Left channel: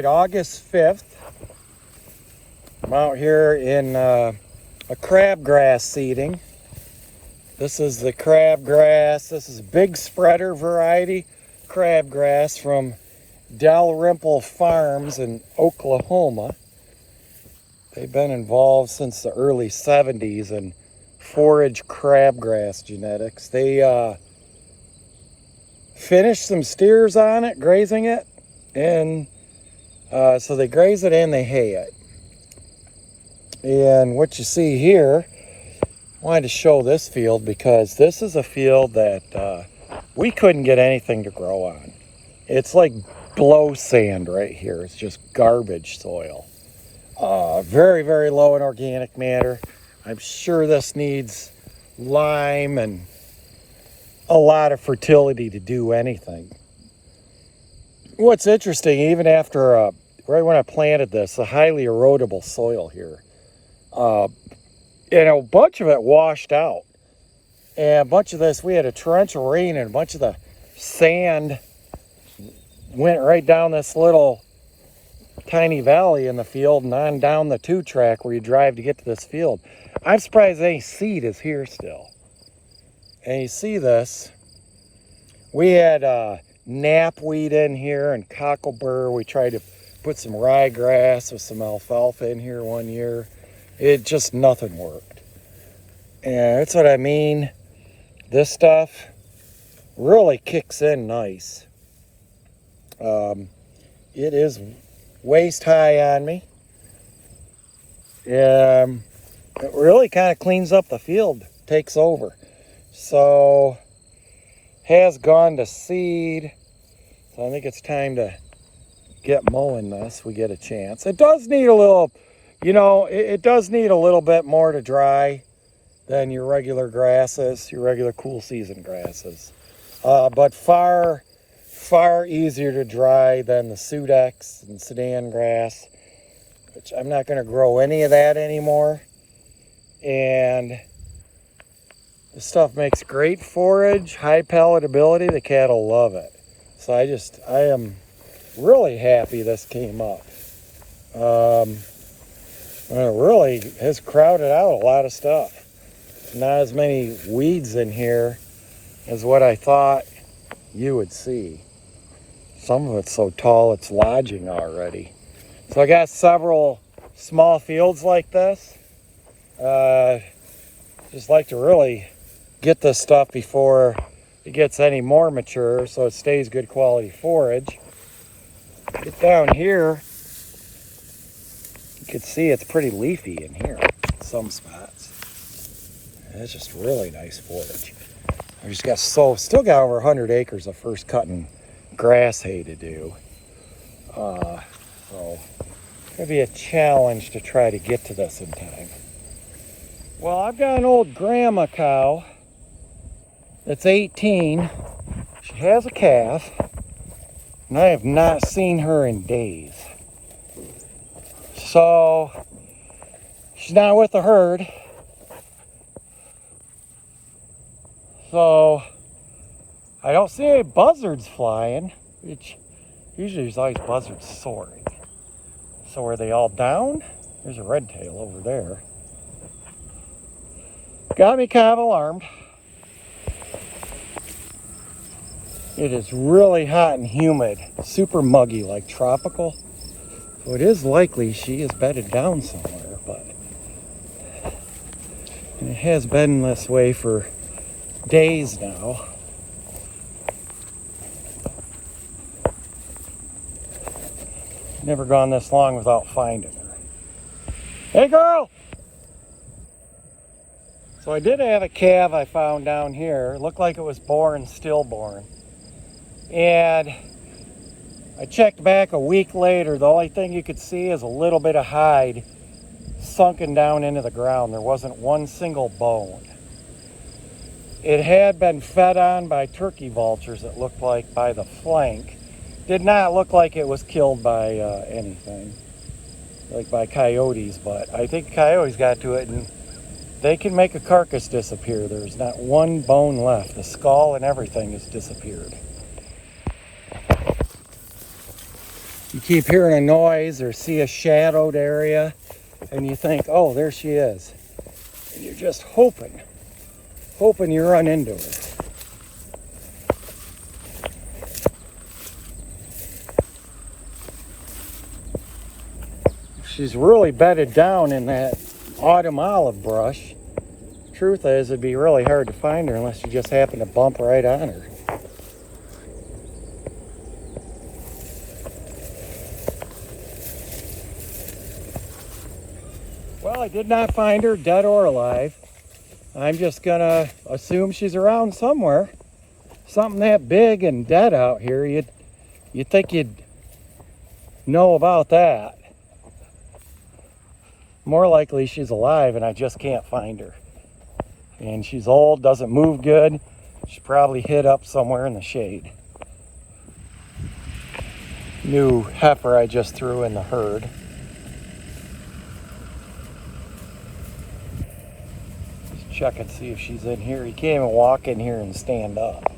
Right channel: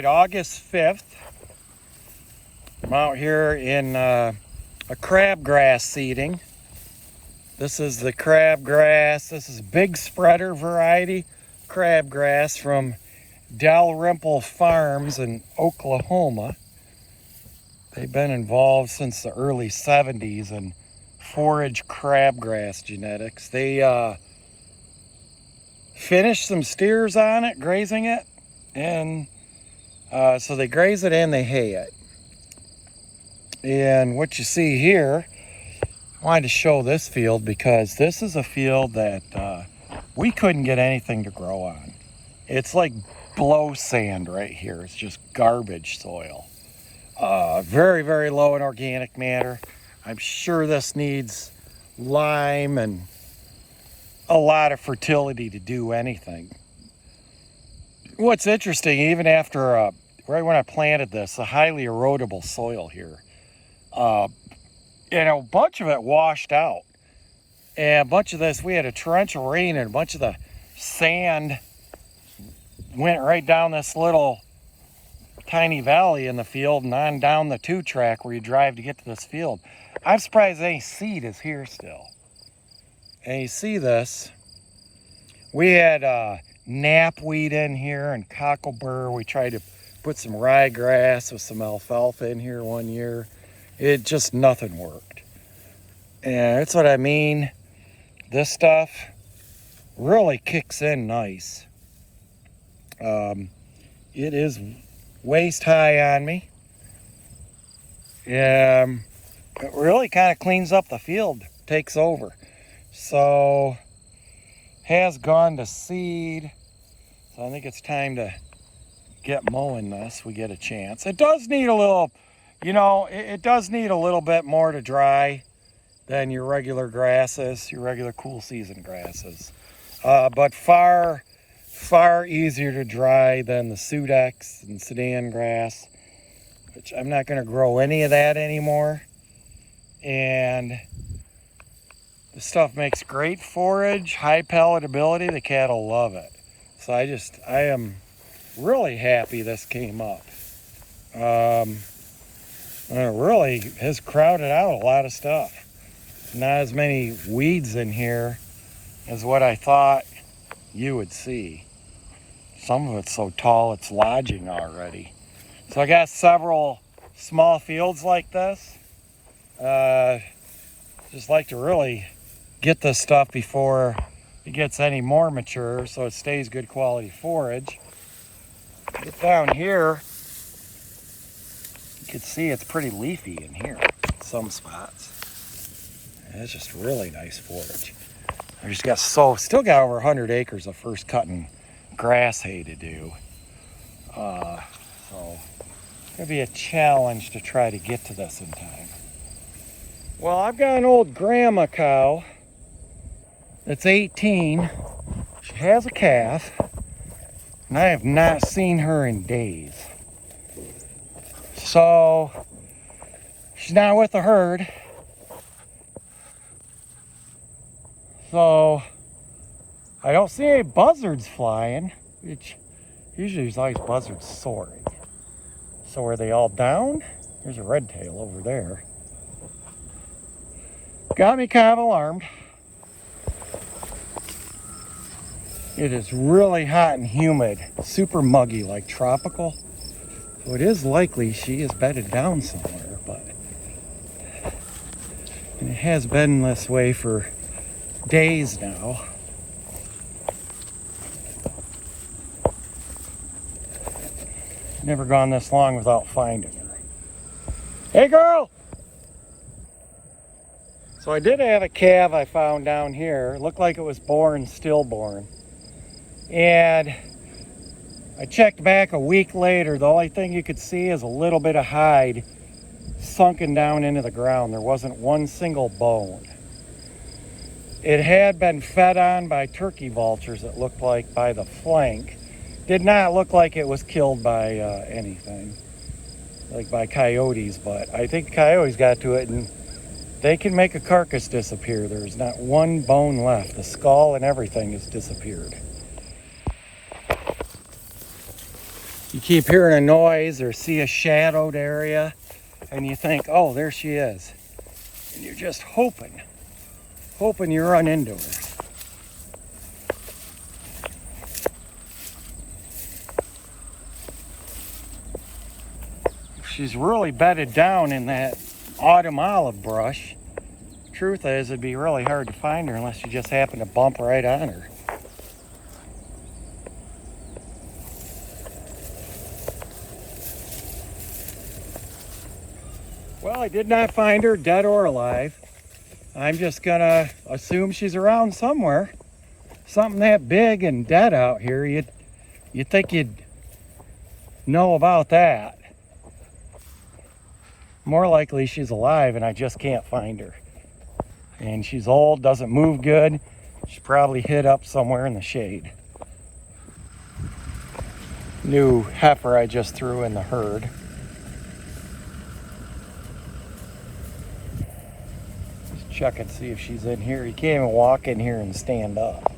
right, August 5th. I'm out here in a crabgrass seeding. This is the crabgrass. This is big spreader variety crabgrass from Dalrymple Farms in Oklahoma. They've been involved since the early 70s in forage crabgrass genetics. They finished some steers on it, grazing it, and so they graze it and they hay it. And what you see here, I wanted to show this field because this is a field that we couldn't get anything to grow on. It's like blow sand right here. It's just garbage soil. Very, very low in organic matter. I'm sure this needs lime and a lot of fertility to do anything. What's interesting, even after, right when I planted this, a highly erodible soil here, and a bunch of it washed out. And a bunch of this, we had a torrential rain and a bunch of the sand went right down this little tiny valley in the field and on down the 2-track where you drive to get to this field. I'm surprised any seed is here still. And you see this, we had knapweed in here and cocklebur. We tried to put some ryegrass with some alfalfa in here one year. It just, nothing worked. And that's what I mean. This stuff really kicks in nice. It is waist high on me. It really kind of cleans up the field, takes over. So, has gone to seed. So I think it's time to get mowing this. We get a chance. It does need a little, you know, it does need a little bit more to dry than your regular grasses, your regular cool season grasses. But far easier to dry than the Sudex and Sudan grass, which I'm not going to grow any of that anymore. And this stuff makes great forage, high palatability. The cattle love it. So I am really happy this came up. It really has crowded out a lot of stuff. Not as many weeds in here as what I thought you would see. Some of it's so tall it's lodging already. So I got several small fields like this. Just like to really get this stuff before it gets any more mature so it stays good quality forage. Get down here, you can see it's pretty leafy in here in some spots. And it's just really nice forage. I just got still got over 100 acres of first cutting grass hay to do. So it's gonna be a challenge to try to get to this in time. Well, I've got an old grandma cow that's 18. She has a calf, and I have not seen her in days. So she's not with the herd. So I don't see any buzzards flying. Usually there's always buzzards soaring. So are they all down? There's a red tail over there. Got me kind of alarmed. It is really hot and humid, super muggy, like tropical. So it is likely she is bedded down somewhere, but it has been this way for days now. Never gone this long without finding her. Hey girl! So I did have a calf I found down here. It looked like it was born, stillborn. And I checked back a week later. The only thing you could see is a little bit of hide sunken down into the ground. There wasn't one single bone. It had been fed on by turkey vultures, it looked like, by the flank. Did not look like it was killed by anything, like by coyotes, but I think coyotes got to it and they can make a carcass disappear. There's not one bone left. The skull and everything has disappeared. You keep hearing a noise or see a shadowed area and you think, oh, there she is. And you're just hoping you run into her. She's really bedded down in that autumn olive brush. Truth is, it'd be really hard to find her unless you just happen to bump right on her. Well, I did not find her, dead or alive. I'm just gonna assume she's around somewhere. Something that big and dead out here, you'd think you'd know about that. More likely she's alive and I just can't find her. And she's old, doesn't move good. She's probably hid up somewhere in the shade. New heifer I just threw in the herd. Check and see if she's in here. You can't even walk in here and stand up.